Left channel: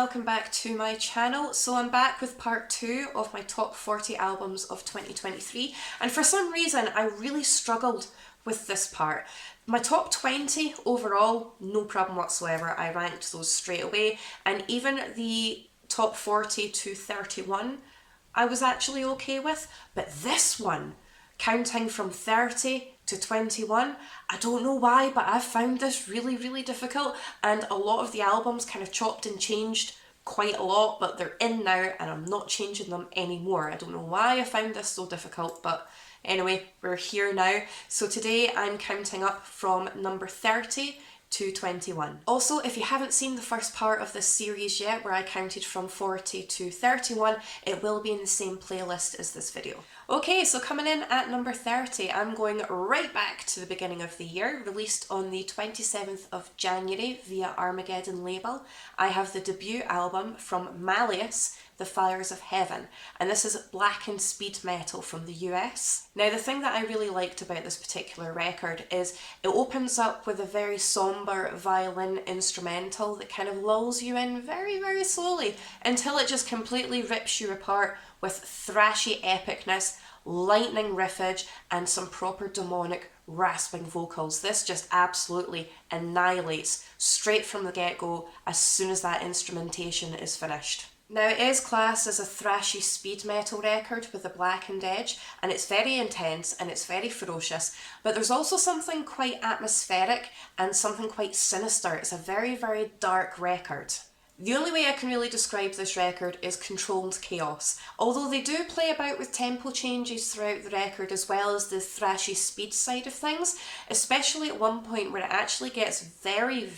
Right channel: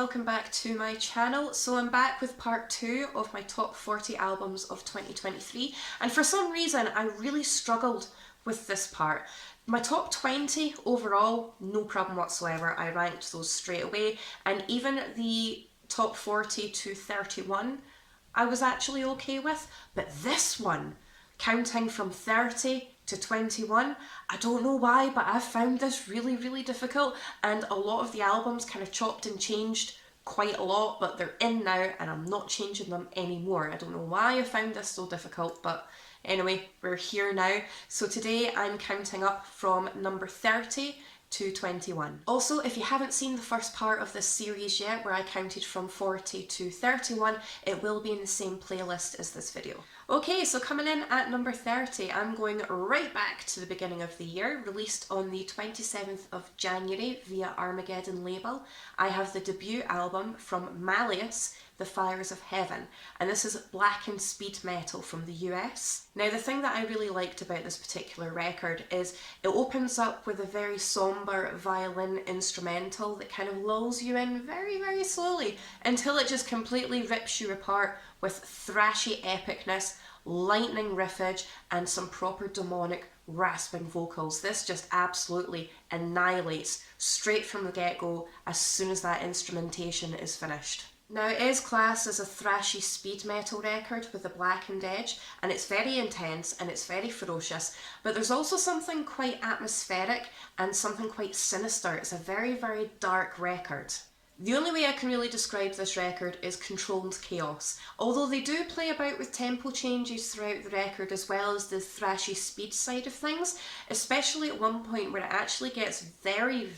welcome back to my channel. So I'm back with part 2 of my top 40 albums of 2023, and for some reason I really struggled with this part. My top 20 overall, no problem whatsoever, I ranked those straight away, and even the top 40 to 31 I was actually okay with, but this one, counting from 30 to 21, I don't know why, but I've found this really difficult, and a lot of the albums kind of chopped and changed quite a lot, but they're in now and I'm not changing them anymore. I don't know why I found this so difficult, but anyway, we're here now. So today I'm counting up from number 30 to 21. Also, if you haven't seen the first part of this series yet, where I counted from 40 to 31, it will be in the same playlist as this video. Okay, so coming in at number 30, I'm going right back to the beginning of the year, released on the 27th of January via Armageddon label. I have the debut album from Malleus, The Fires of Heaven, and this is black and speed metal from the US. Now, the thing that I really liked about this particular record is it opens up with a very somber violin instrumental that kind of lulls you in very slowly until it just completely rips you apart with thrashy epicness, lightning riffage, and some proper demonic rasping vocals. This just absolutely annihilates straight from the get-go as soon as that instrumentation is finished. Now, it is classed as a thrashy speed metal record with a blackened edge, and it's very intense and it's very ferocious, but there's also something quite atmospheric and something quite sinister. It's a very dark record. The only way I can really describe this record is controlled chaos. Although they do play about with tempo changes throughout the record as well as the thrashy speed side of things, especially at one point where it actually gets very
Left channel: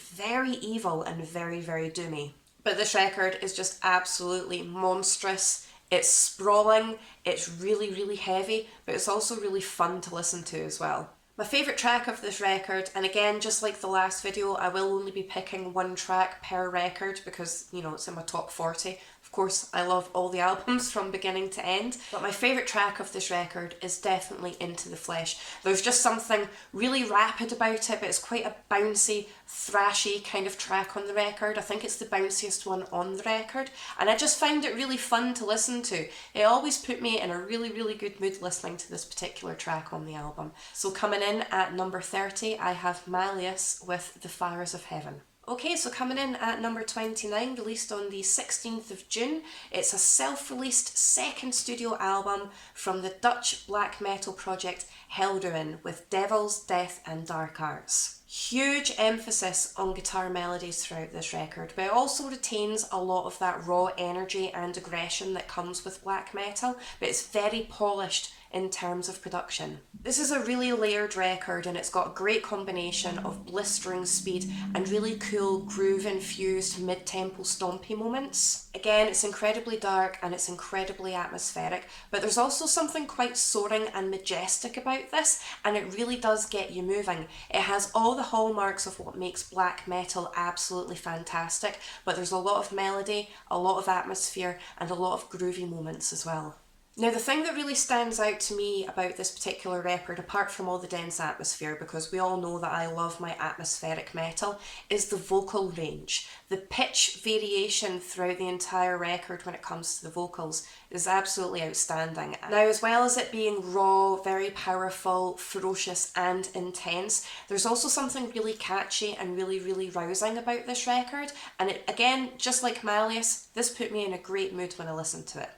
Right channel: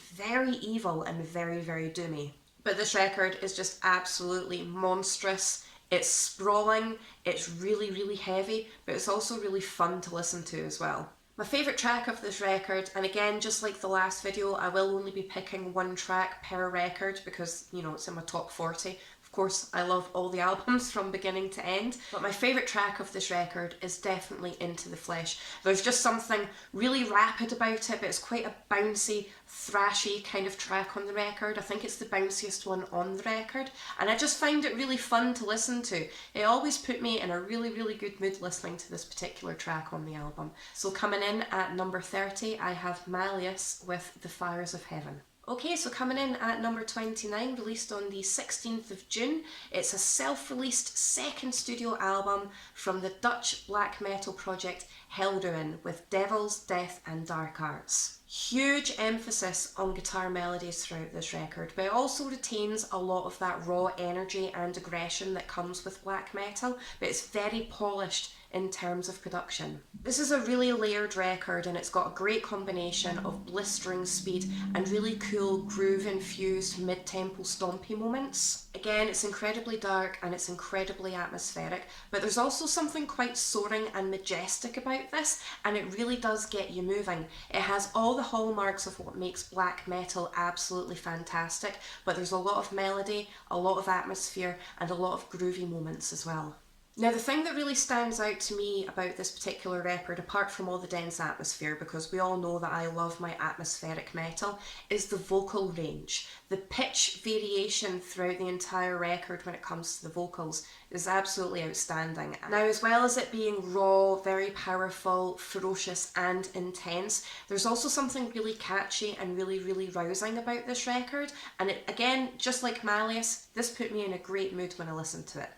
evil and very doomy. But this record is just absolutely monstrous. It's sprawling, it's really heavy, but it's also really fun to listen to as well. My favourite track of this record, and again, just like the last video, I will only be picking one track per record because, you know, it's in my top 40. Of course, I love all the albums from beginning to end, but my favourite track of this record is definitely Into the Flesh. There's just something really rapid about it, but it's quite a bouncy, thrashy kind of track on the record. I think it's the bounciest one on the record, and I just found it really fun to listen to. It always put me in a really good mood listening to this particular track on the album. So coming in at number 30, I have Malleus with The Fires of Heaven. Okay, so coming in at number 29, released on the 16th of June, it's a self-released second studio album from the Dutch black metal project Heldin with Devils, Death and Dark Arts. Huge emphasis on guitar melodies throughout this record, but it also retains a lot of that raw energy and aggression that comes with black metal, but it's very polished in terms of production. This is a really layered record, and it's got a great combination of blistering speed and really cool groove-infused mid-tempo stompy moments. Again, it's incredibly dark and it's incredibly atmospheric, but there's also something quite soaring and majestic about this, and it really does get you moving. It has all the hallmarks of what makes black metal absolutely fantastic, but there's a lot of melody, a lot of atmosphere, and a lot of groovy moments as well. Now, the thing that really stands out to me about this particular record, apart from all the dense atmosphere, because we all know that I love my atmospheric metal, is the vocal range. The pitch variation throughout the entire record when it comes to the vocals is absolutely outstanding. Now, as well as it being raw, very powerful, ferocious and intense, there's also something really catchy and really rousing about this record, and it, again, just like Malleus, this put me in a great mood when I listened to it.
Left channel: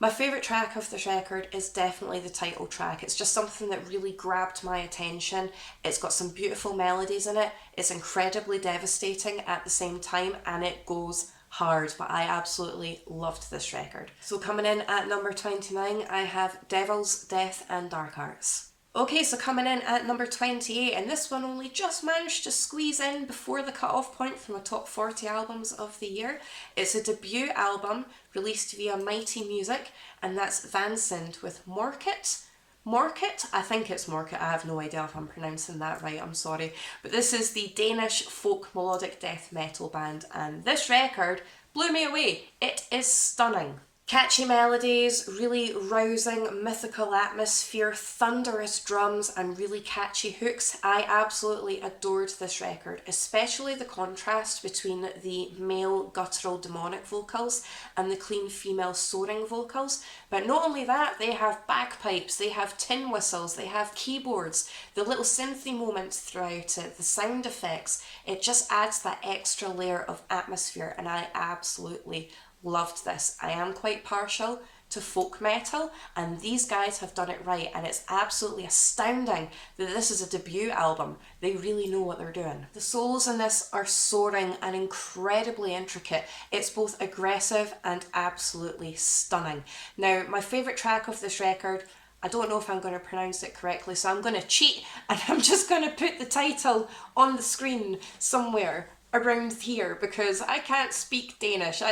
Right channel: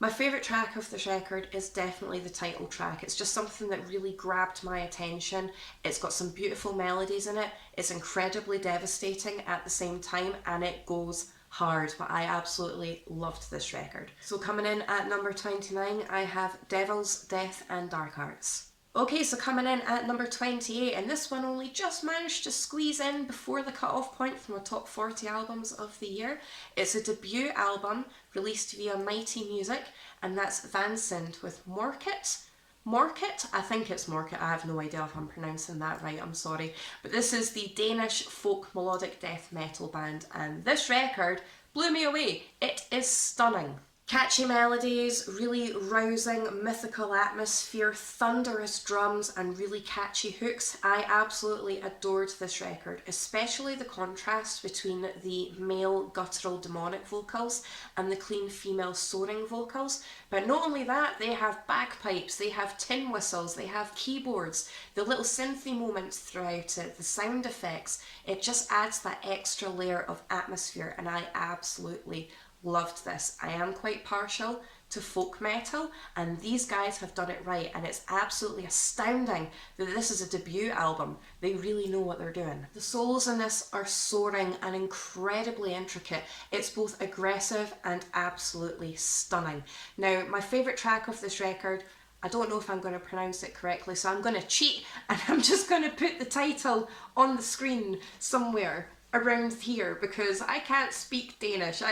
My favourite track of this record is definitely the title track. It's just something that really grabbed my attention. It's got some beautiful melodies in it, it's incredibly devastating at the same time, and it goes hard, but I absolutely loved this record. So coming in at number 29, I have Devils, Death and Dark Arts. Okay, so coming in at number 28, and this one only just managed to squeeze in before the cut-off point from the top 40 albums of the year. It's a debut album released via Mighty Music, and that's Vanen with Morkit. Morkit? I think it's Morkit, I have no idea if I'm pronouncing that right, I'm sorry. But this is the Danish folk melodic death metal band, and this record blew me away. It is stunning. Catchy melodies, really rousing mythical atmosphere, thunderous drums, and really catchy hooks. I absolutely adored this record, especially the contrast between the male guttural demonic vocals and the clean female soaring vocals. But not only that, they have bagpipes, they have tin whistles, they have keyboards, the little synthy moments throughout it, the sound effects. It just adds that extra layer of atmosphere, and I absolutely loved this. I am quite partial to folk metal, and these guys have done it right, and it's absolutely astounding that this is a debut album. They really know what they're doing. The solos in this are soaring and incredibly intricate. It's both aggressive and absolutely stunning. Now, my favourite track of this record, I don't know if I'm going to pronounce it correctly, so I'm going to cheat and I'm just going to put the title on the screen somewhere around here because I can't speak Danish.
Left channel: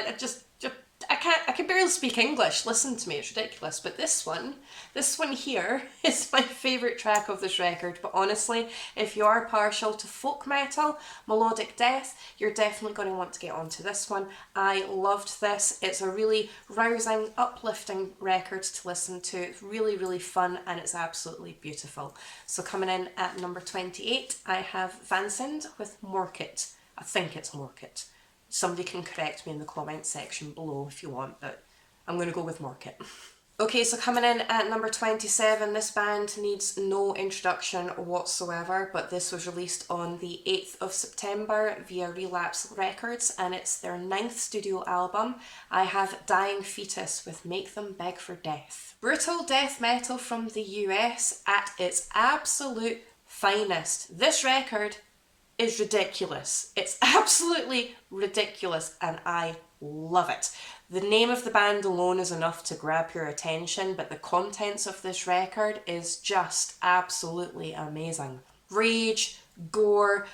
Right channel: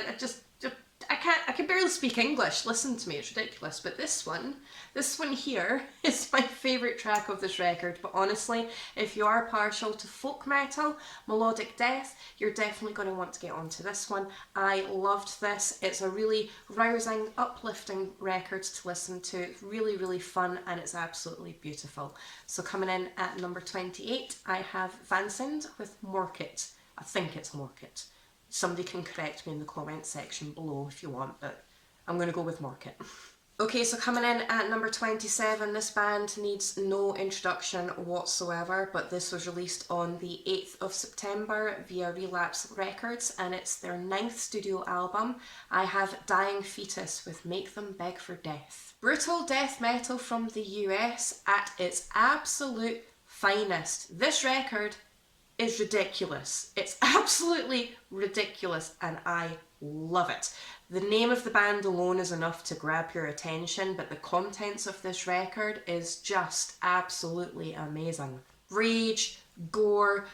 I can barely speak English. Listen to me, it's ridiculous. But this one here is my favourite track of this record. But honestly, if you are partial to folk metal, melodic death, you're definitely going to want to get onto this one. I loved this. It's a really rousing, uplifting record to listen to. It's really, really fun, and it's absolutely beautiful. So coming in at number 28, I have Vanen with Morkit. I think it's Morkit. Somebody can correct me in the comments section below if you want, but I'm going to go with Morkit. Okay, so coming in at number 27, this band needs no introduction whatsoever, but this was released on the 8th of September via Relapse Records, and it's their 9th studio album. I have Dying Fetus with Make Them Beg for Death. Brutal death metal from the US at its absolute finest. This record is ridiculous. It's absolutely ridiculous, and I love it. The name of the band alone is enough to grab your attention, but the contents of this record is just absolutely amazing. Rage, gore,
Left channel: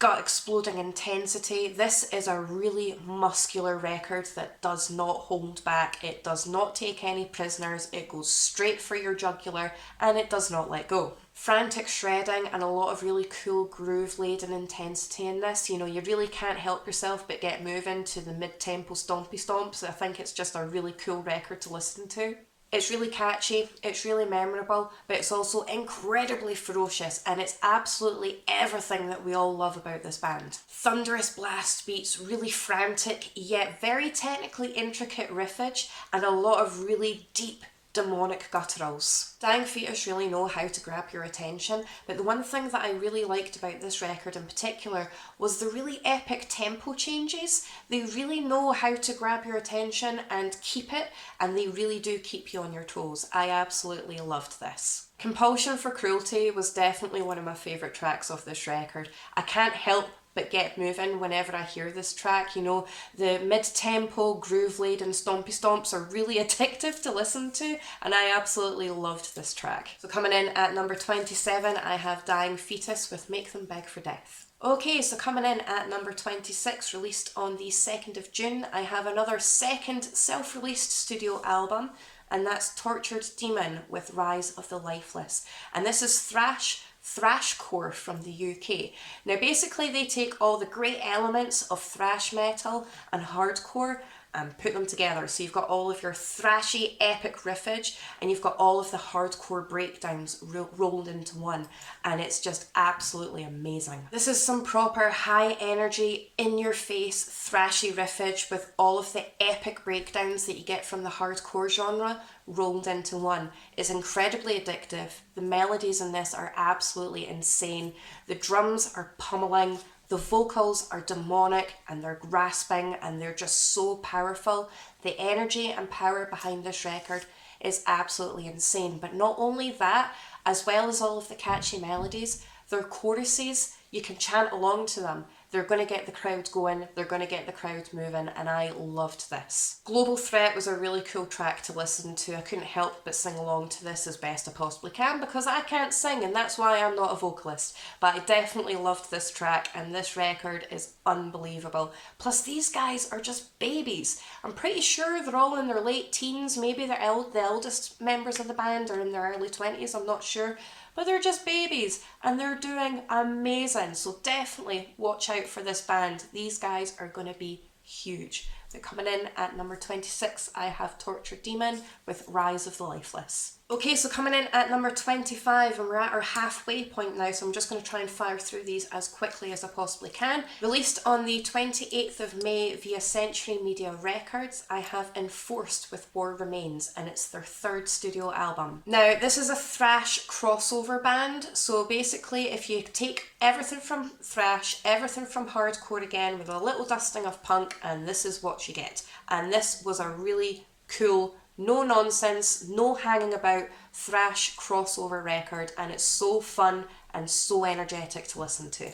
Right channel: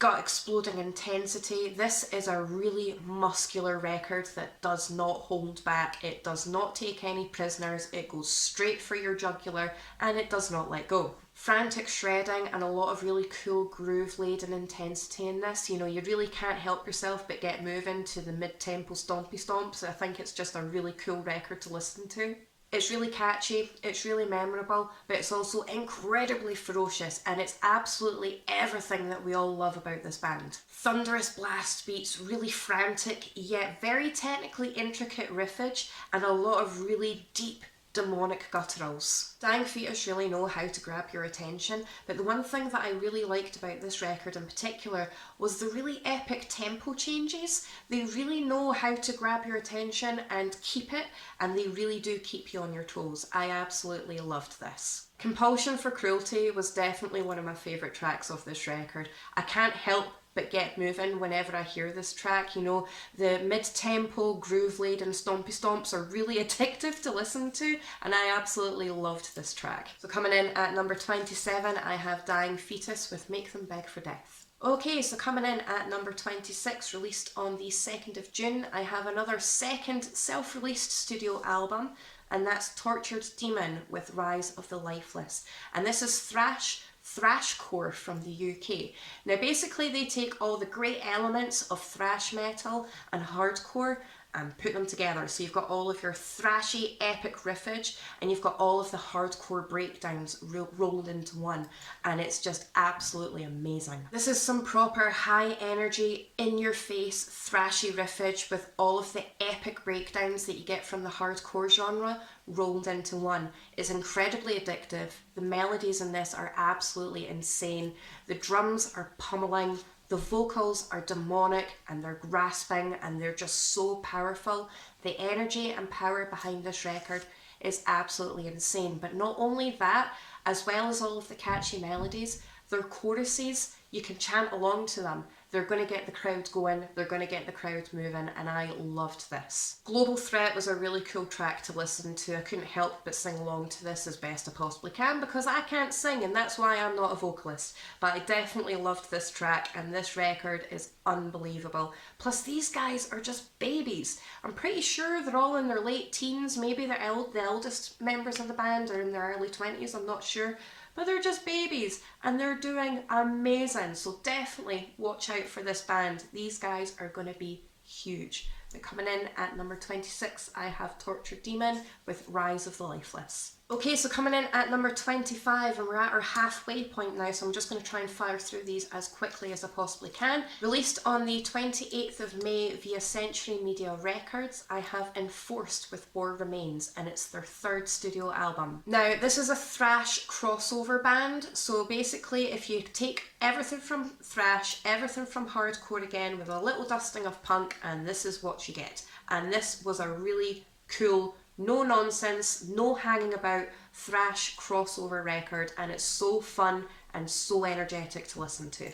gut exploding intensity. This is a really muscular record that does not hold back. It does not take any prisoners. It goes straight for your jugular, and it does not let go. Frantic shredding and a lot of really cool groove-laden intensity in this. You know, you really can't help yourself but get moving to the mid-tempo stompy stomps. I think it's just a really cool record to listen to. It's really catchy, it's really memorable, but it's also incredibly ferocious, and it's absolutely everything that we all love about this band. Thunderous blast beats, really frantic yet very technically intricate riffage, and a lot of really deep demonic gutturals. Dying Fetus really know how to grab your attention, but the one thing that I really liked about this record in particular was the really epic tempo changes. They really know how to grab your attention and keep it, and they really do keep you on your toes. I absolutely loved this. Compulsion for Cruelty was definitely one of my favourite tracks of this record. I can't help but get moving whenever I hear this track. You know, the mid-tempo, groove-laden stompy stomps are really addictive to listen to, and I absolutely loved this track. So coming in at number 27, I have Dying Fetus with Make Them Beg for Death. Okay, so coming in at number 26, released on the 2nd of June, I have another second self-released studio album, and that's Tortured Demon with Rise of the Lifeless. And this is thrashcore from the UK. Now basically they take all the great elements of thrash metal and hardcore and put them together. So you've got all of your thrashy epic riffage, and you've got all of the hardcore breakdowns rolled into one, and it's just absolutely amazing. This is some proper high energy, in your face, thrashy riffage with all of the epic breakdowns that you get from the hardcore genre rolled into one. It's incredibly addictive. The melodies in this are absolutely insane. The drums are pummeling. The vocals are demonic, and they're grasping, and they're just so powerful. The energy and power behind this record is absolutely insane. But not only that, as well as all of the catchy melodies, their choruses, you can chant along to them. They're going to get the crowd going, they're going to get the crowd moving, and I loved this. Global Threat was a really cool track to listen to. I couldn't help but sing along to this as best I possibly can because I can't sing, and that's why I'm not a vocalist. But I definitely loved this track, and this record is unbelievable. Plus these guys are just babies. I'm pretty sure they're all in their late teens, maybe the eldest members of the band are in their early 20s, I'm not sure. But they're just babies, and they're doing amazing. So definitely watch out for this band. These guys are going to be huge. Coming in at number 26, I have Tortured Demon with Rise of the Lifeless. Okay, so coming in at number 25, and we're at our halfway point now, so I'm just going to try and fire through these as quickly as I possibly can. Released on the 28th of May via Century Media Records, I have Enforced with War Remains, and it's their third studio album. Now, this is a thrash crossover band, so basically if you take everything from thrash, everything from hardcore again, with a little dusting of punk, and this is what you get. And this was a really cool, no nonsense, no hanging about thrash crossover record, and it's so fun and so energetic to listen to.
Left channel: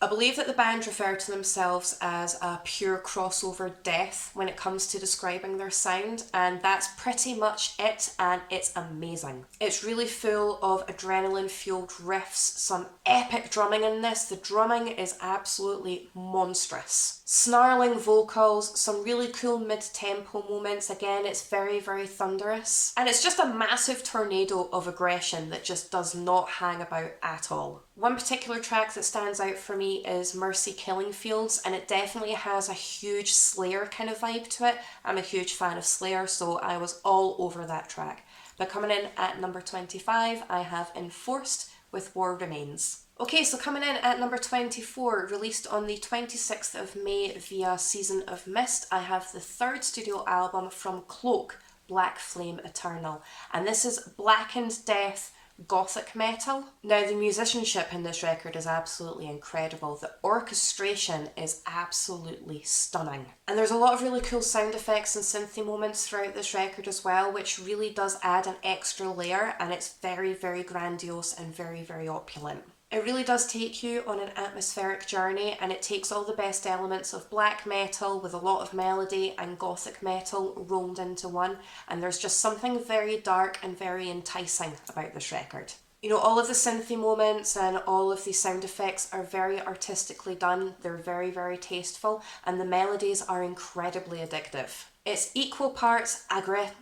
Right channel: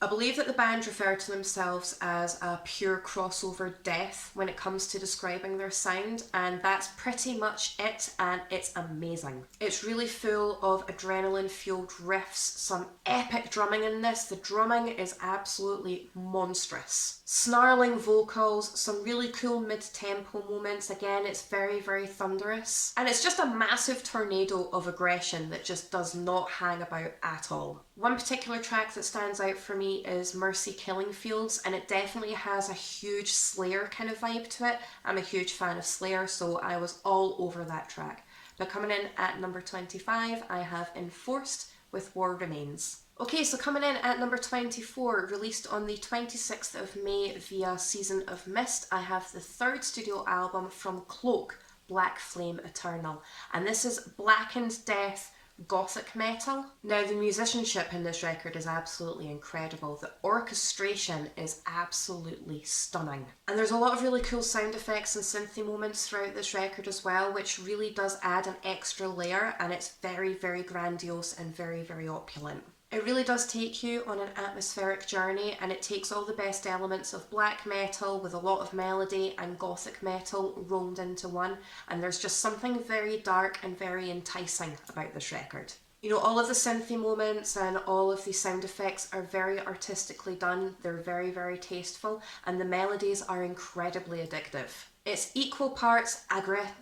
I believe that the band refer to themselves as a pure crossover death when it comes to describing their sound, and that's pretty much it, and it's amazing. It's really full of adrenaline-fueled riffs, some epic drumming in this. The drumming is absolutely monstrous. Snarling vocals, some really cool mid-tempo moments. Again, it's very, very thunderous. And it's just a massive tornado of aggression that just does not hang about at all. One particular track that stands out for me is Mercy Killing Fields, and it definitely has a huge Slayer kind of vibe to it. I'm a huge fan of Slayer, so I was all over that track. But coming in at number 25, I have Enforced with War Remains. Okay, so coming in at number 24, released on the 26th of May via Season of Mist, I have the third studio album from Cloak, Black Flame Eternal. And this is blackened death gothic metal. Now, the musicianship in this record is absolutely incredible. The orchestration is absolutely stunning. And there's a lot of really cool sound effects and synthy moments throughout this record as well, which really does add an extra layer, and it's very, very grandiose and very, very opulent. It really does take you on an atmospheric journey, and it takes all the best elements of black metal with a lot of melody and gothic metal rolled into one, and there's just something very dark and very enticing about this record. You know, all of the synthy moments and all of the sound effects are very artistically done, they're very, very tasteful, and the melodies are incredibly addictive. It's equal parts aggressive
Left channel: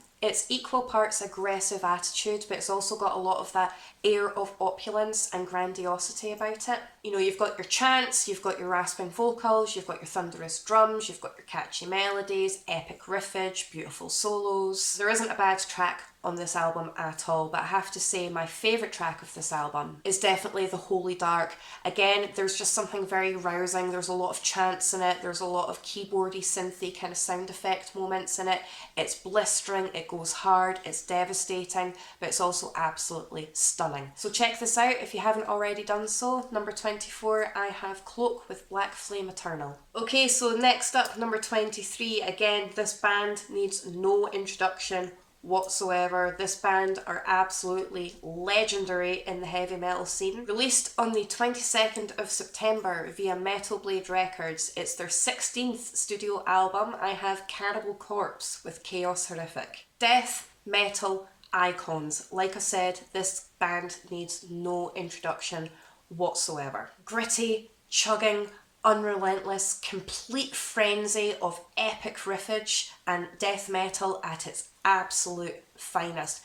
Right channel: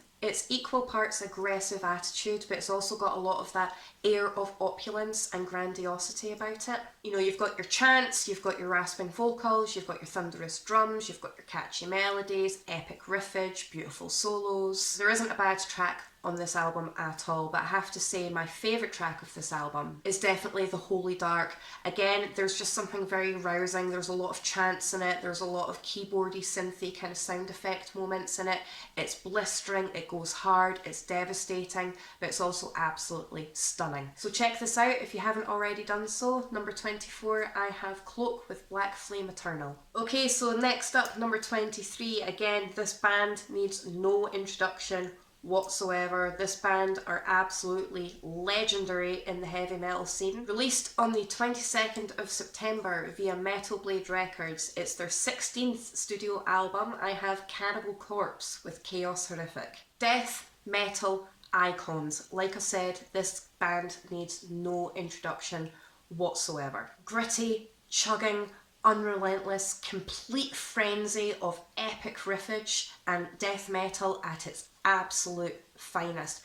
attitude, but it's also got a lot of that air of opulence and grandiosity about it. You know, you've got your chants, you've got your rasping vocals, you've got your thunderous drums, you've got your catchy melodies, epic riffage, beautiful solos. There isn't a bad track on this album at all, but I have to say my favourite track of this album is definitely The Holy Dark. Again, there's just something very rousing. There's a lot of chants in it, there's a lot of keyboardy, synthy kind of sound effect moments in it. It's blistering, it goes hard, it's devastating, but it's also absolutely stunning. So check this out if you haven't already done so. Number 24, I have Cloak with Black Flame Eternal. Okay, so next up, number 23. Again, this band needs no introduction whatsoever. This band are absolutely legendary in the heavy metal scene. Released on the 22nd of September via Metal Blade Records, it's their 16th studio album. I have Cannibal Corpse with Chaos Horrific. Death metal icons. Like I said, this band needs no introduction whatsoever. Gritty, chugging, unrelentless, complete frenzy of epic riffage and death metal at its absolute finest.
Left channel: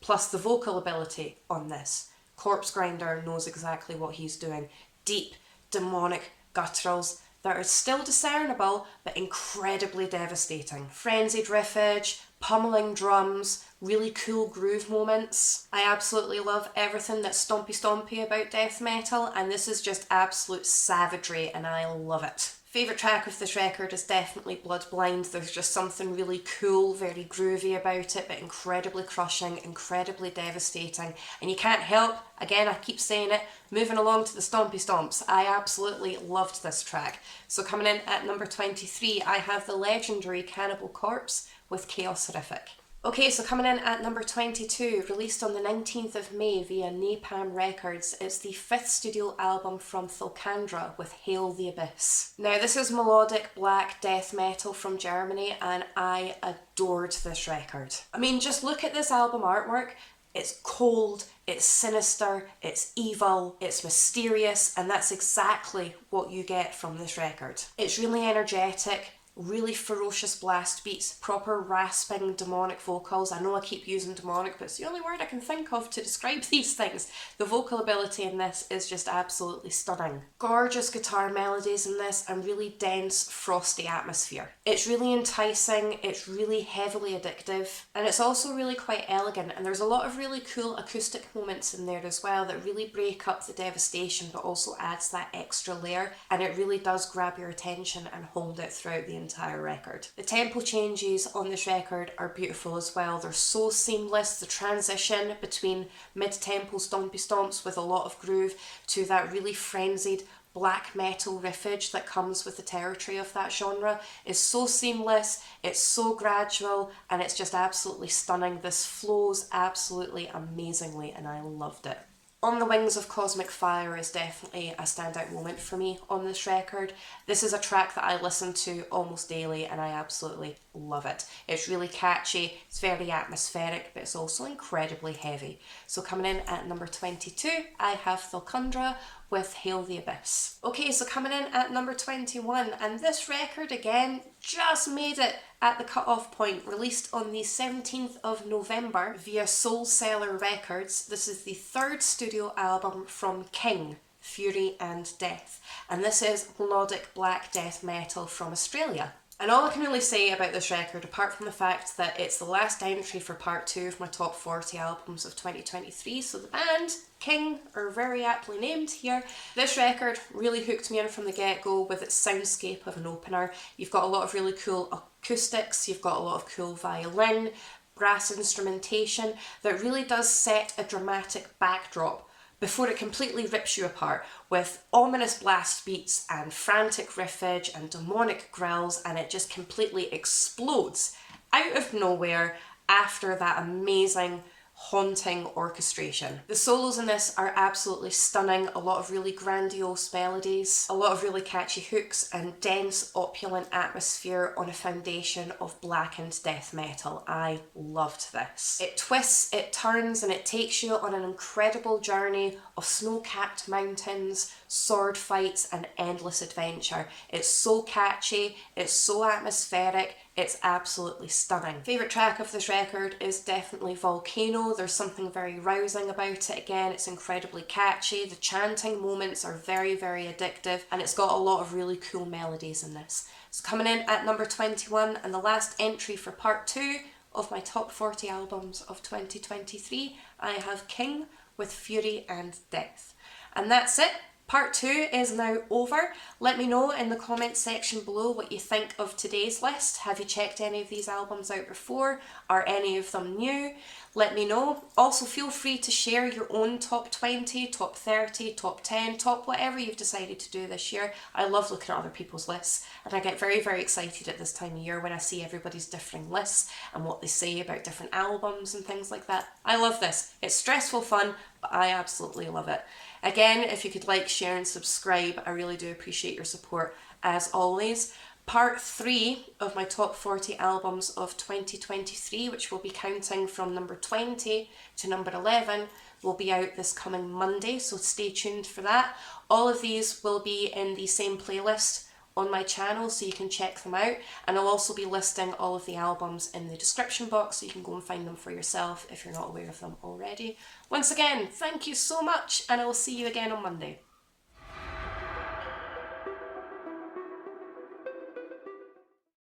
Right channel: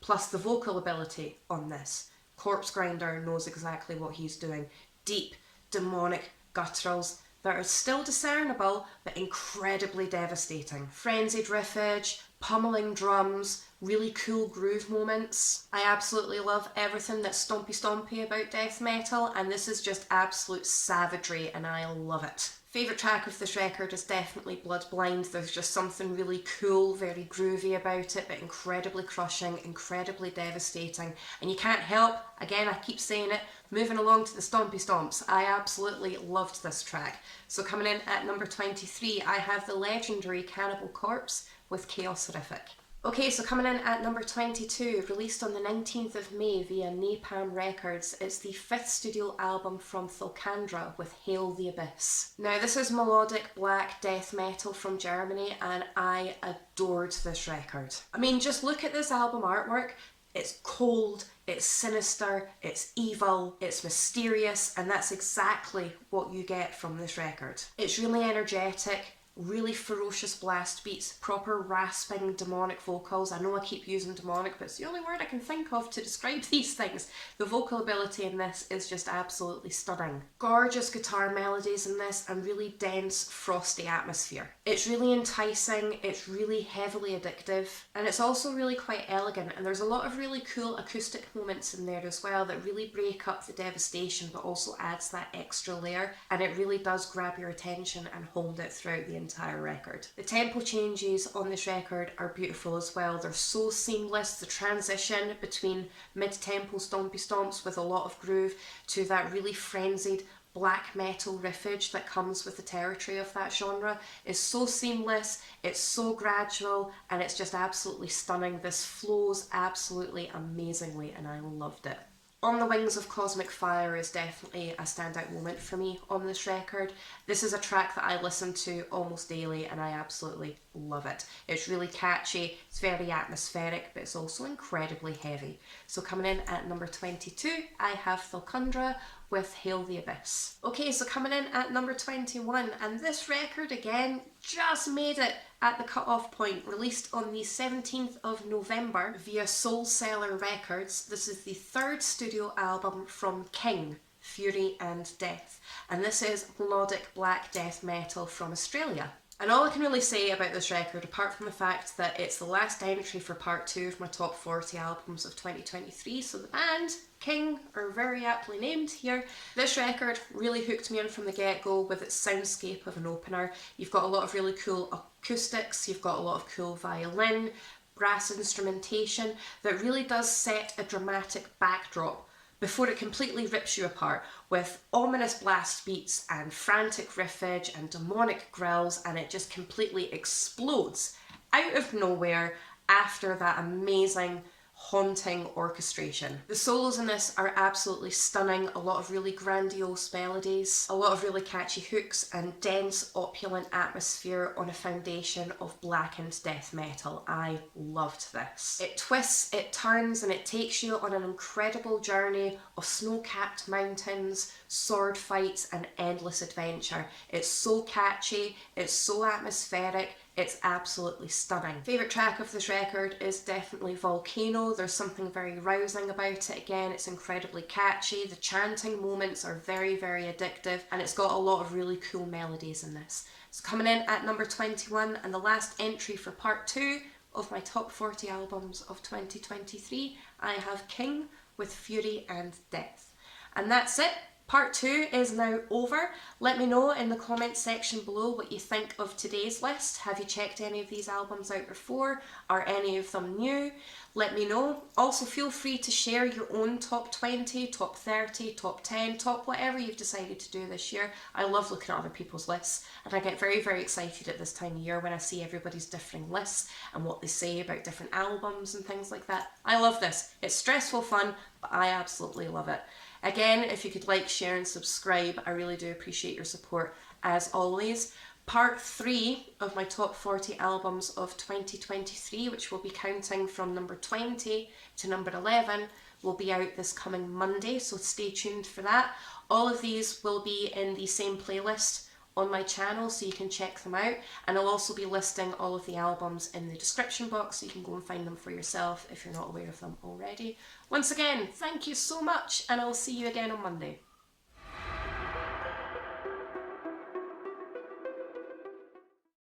Plus the vocal ability on this. Corpse Grinder knows exactly what he's doing. Deep, demonic gutturals that are still discernible but incredibly devastating. Frenzied riffage, pummeling drums, really cool groove moments. I absolutely love everything that's stompy about death metal, and this is just absolute savagery and I love it. Favourite track of this record is definitely Blood Blind. There's just something really cool, very groovy about it, but incredibly crushing, incredibly devastating. And you can't help, again I keep saying it, moving along to the stompy stomps. I absolutely loved this track. So coming in at number 23, I have the legendary Cannibal Corpse with Chaos Horrific. Okay, so coming in at number 22, released on the 19th of May via Napalm Records, it's the 5th studio album from Thundra with Hail the Abyss. Now, this is melodic black death metal from Germany, and I adored this record. I mean, just look at this album artwork. It's cold, it's sinister, it's evil, it's mysterious, and that's exactly what you get from this record. It's really energetic, really ferocious blast beats, proper rasping demonic vocals. I know I keep using demonic, but it's the only word I can think of to describe these things. The vocal ability in this is just absolutely stunning. Gorgeous guitar melodies in this and really dense, frosty atmosphere. It's really enticing, it's really heavily addictive, and it's also really quite elegant, and there's a lot of really cool acoustic moments in there as well that really break up the devastation but also adds that extra layer, and it really does grab your attention and hold it throughout the entire record. The tempo changes on this record are beautiful as well. They're so seamless. The transition between mid-tempo stompy stomps with a lot of groove to that really frenzied black metal riffage that comes with the territory of that genre is so seamless, it's so gradual, and it's just absolutely stunning. This flows absolutely amazingly and I loved it. On the Wings of Cosmic Fire is definitely a standout moment for me on this record. This is a track that I listen to almost daily and I absolutely love it. It's really catchy, it's very atmospheric, but it's also incredibly heavy. So coming in at number 22, I have Thundra with Hail the Abyss. Okay, so coming in at number 21, and this record again just made it at the cut-off point, released on the 17th of November via Soul Cellar Records. This is the third studio album from King, Fury and Death, and this is melodic black death metal from Australia. And all I can really say about this record, apart from the fact that it's the last entry for part 2 of my top 40 albums of 2023, so the band, King, are very aptly named here. This record really hooked me in from the get-go with its soundscape of an opener. You've got a lot of really cool acoustics, you've got a lot of cool violin, brass instrumentation that really does set a dramatic backdrop before it completely rips you apart with ominous blast beats and frantic riffage and demonic growls, and it just completely explodes out of nowhere after that amazing haunting orchestration. The solos in this are absolutely stunning, a lot of really grandiose melodies, a lot of really catchy hooks, and dense, opulent atmosphere on a foundation of blackened death metal. I loved this. It twists, it turns, and it takes you on an incredible journey of snow-capped mountains, sword fights, and endless adventure. It's so catchy, it's so atmospheric, it's absolutely stunning. Favourite track of this record is definitely Volcano. There's something very rousing about it. Again, it's incredibly catchy. The chanting moments are very, very addictive, and it's got a lot of really cool melodies in this. So coming in at number 21, and the last entry for part 2 of my top 40 albums of 2023, I have King with Fury and Death. And that's it. Part 2 is now over. Let me know in the comments section below what you think of today's list. Have you checked any of these albums out before? Are any of them new? Let me know. Also feel free to share your own top 20, top 30, top 10, top whatever you've decided to do this year. I love looking at other people's lists, and I get very, very excited at this time of year when I see everybody's differing lists and what they say about different albums and things like that. I love this. It's stressful fun, but I absolutely love it. Again, if you could like, share and subscribe, I really do appreciate your support as always. Part 3 of my top 40 albums of 2023, which will be counting from number 20 to number 11, will be out this coming Monday, so stay tuned for that. All of these will be in the same playlist on my channel, so you can check them out, and I'll also be listing all of the albums in the description box so you can go and find them for yourself if you're not aware of them already. Once again, thank you so much, and I'll see you again on Monday.